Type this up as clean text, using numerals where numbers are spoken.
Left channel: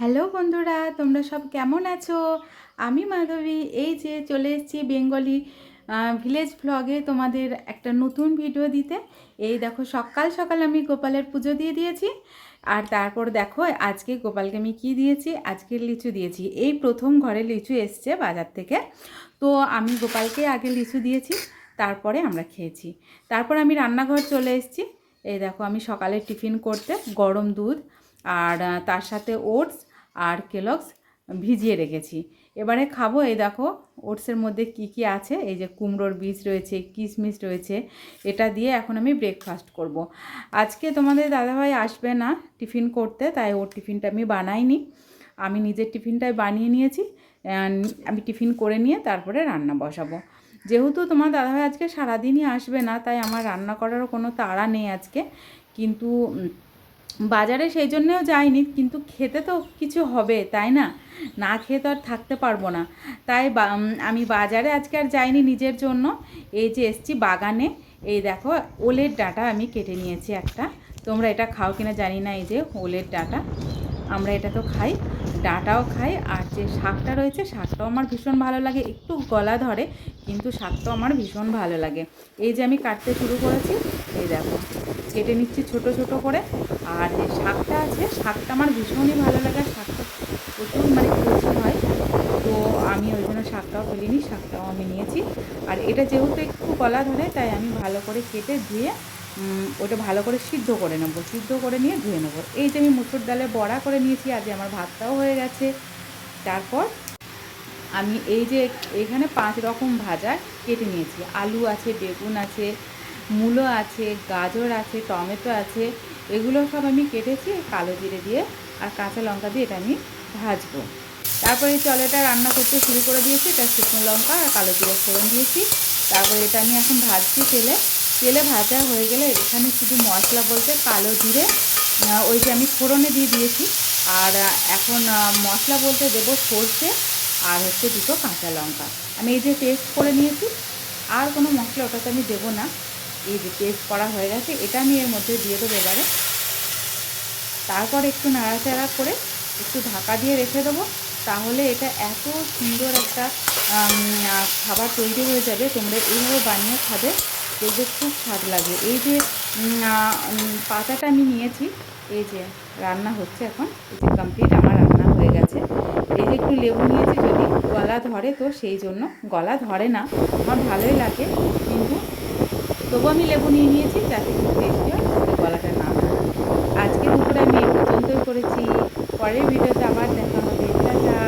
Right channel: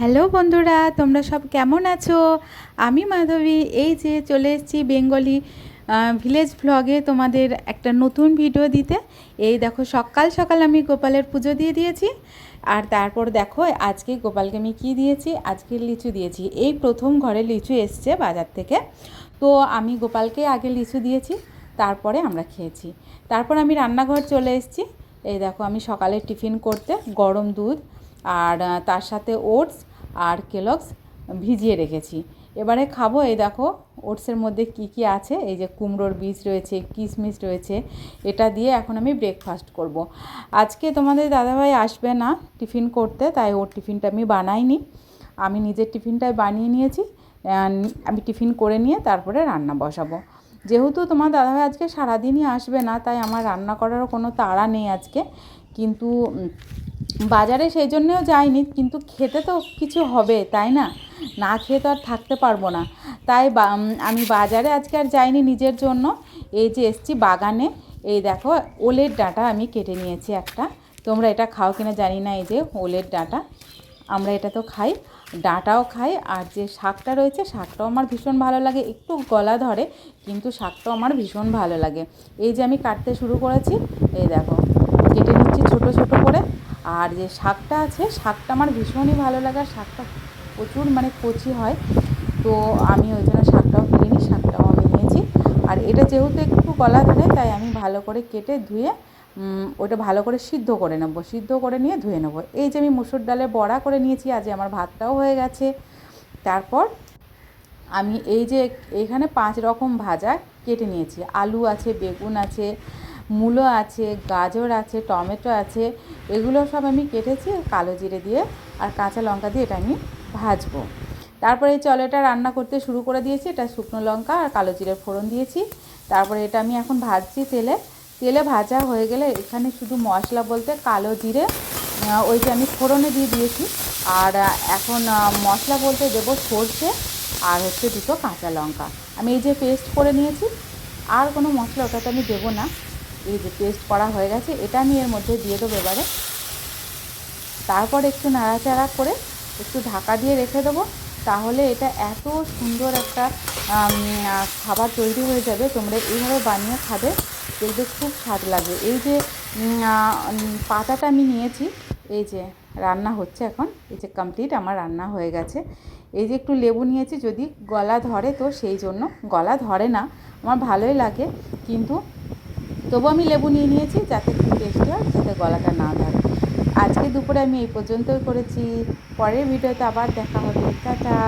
Hello বন্ধুরা, তোমরা সব কেমন আছো? আমি মাধবী। এই যে চলে এসেছি বেঙ্গলি ভিলেজ ভ্লগে তোমাদের একটা নতুন ভিডিও দিতে। এই দেখো, সকাল সকাল আমি গোপালের পুজো দিয়ে দিয়েছি। আর তারপর দেখো আজকে গোপালকে আমি কী দিয়েছি, আজকে লিচু দিয়েছি। এই প্রথম ঘরে লিচু এসছে বাজার থেকে, তো আমি গোপালকে আগে লিচু দিয়েছি, তারপরে আমরা খেয়েছি। তারপর আমি রান্নাঘর চলে এসেছি। এই দেখো, আমি সকালে টিফিন করতে গরম দুধ আর তার সাথে ওটস আর কেলগস ভিজিয়ে রেখেছি, এবারে খাবো। এই দেখো ওটসের মধ্যে কি কি আছে, এই যে কুমড়োর বীজ রয়েছে, কিশমিশ রয়েছে, এটা দিয়ে এখন আমি ব্রেকফাস্ট করব। আজকে তোমাদের দাদাভাই আসবে না টিফিন করতে, তাই ওর টিফিনটা আমি বানাইনি, আমি নিজের টিফিনটাই বানিয়ে নিয়েছি। আমি টিফিন করে নিয়ে তারপরে রান্না বসাবো। যেহেতু তোমার দাদাভাই আজকে সারাদিনই আসবে না, তাই আমার রান্না করারও কোনো তাড়া নেই আজকে। কিন্তু বাজারে সেই জন্যেও যাইনি, কিন্তু খেতে তো কিছু হবে, তাই না? না খেয়ে তো আর থাকতে পারবো না। তাই আমি বাজারে আজকে আর যাইনি নিজের জন্য। এই যে এসছি বাগানে, এই দেখো ওলের ডাঁটা আমি কেটে নিয়েছি একটা। তোমরা এটা খাও কিনা জানি না, এই যে ওলের ডাঁটা, আমরা এটা তো খাই, ডাঁটাও খাই। আর যে শাকটা রয়েছে, শাকটাও আমার ভীষণ ভালো লাগে, একটু গলা ধরে, কিন্তু শাকটাও আমার ভীষণ ভালো লাগে। এই যে আমি কাটতে শুরু করেছি, এই দেখো কেটে নিচ্ছি ছোট ছোট করে। আর যে শাকটা আছে, শাকটা আমার ভীষণই ভালো লাগে, শাকটা প্রচুর মানে কচি হয়, তো আমি ওই জন্য শাকটাও কেটে নিই, শাকটাও আমি নিয়েছি। আর এটা যেহেতু একটু গলা ধরে, তাই আমি ভালো করে কেটে ধুয়ে ওটা ভালো করে সিদ্ধ করে নেবো, সিদ্ধ করে নিয়ে ধুয়ে নেবো। এই যে আমি মুসুর ডালের বড়া করে নিয়েছি, আজ আমার ভাতটাও হয়ে গেছে। তারপর আমি এই যে এখানে 5 রকম ভাজা কেটে নিয়েছি, আলু আছে, বেগুন আছে, মূলো আছে, গাজর আছে, টমেটো আছে, এগুলো সব আমি কেটেছি কালো জিরে দিয়ে আর কাঁচা লঙ্কা দিয়ে এটা আমি ভাজবো। তারপরে এই এটা রান্না করতে শুরু করে দিয়েছি, এটা শুকনো লঙ্কা আর কালো জিরে ফোড়ন দিয়েছি। তারপরে এটা আমি এখন ভাজছি তেলে। তেলে ভাজা হয়ে গেলে এখানে শুধু মশলা বলতে কালো জিরে ওই যে আমি ফোড়নে দিয়ে দিয়েছি। আর এখন মশলা বলতে দেবো সর্ষে আর হচ্ছে 2টো কাঁচা লঙ্কা। আমি এই যে পেস্ট করে নিয়েছি, আর কোনো মশলা ওটাতে আমি দেবো না। এই যে পেস্ট করা হয়ে গেছে, এটা আমি এর মধ্যে দিয়ে দেবো এবারে। তারপর একটু নাড়াচাড়া করে একটু ঢাকা দিয়ে রেখে দেবো। তাহলে এটা এত সুন্দর একটা খাবার তৈরি হয়ে যাবে, তোমরা এইভাবে বানিয়ে খাবে, দেখবে খুব স্বাদ লাগে। এই যে পাতাটা আমি নিয়েছি, এই যে রান্না হচ্ছে এখন, এই যে কমপ্লিট আমার রান্না হয়ে গেছে। এই যে একটু লেবু নিয়েছি, যদি গলা ধরে তো সেই জন্য, গলা ধরে না, আমার ভালোই লাগে, কিন্তু তবু আমি লেবু নিয়ে নিয়েছি যাতে খুব টেস্টি হয়, যাতে গলাটা না ধরে। আজকে দুপুরে আমি এই পর্যন্তই করেছি। পরের ভিডিওতে আবার দেখা হবে। টাটা।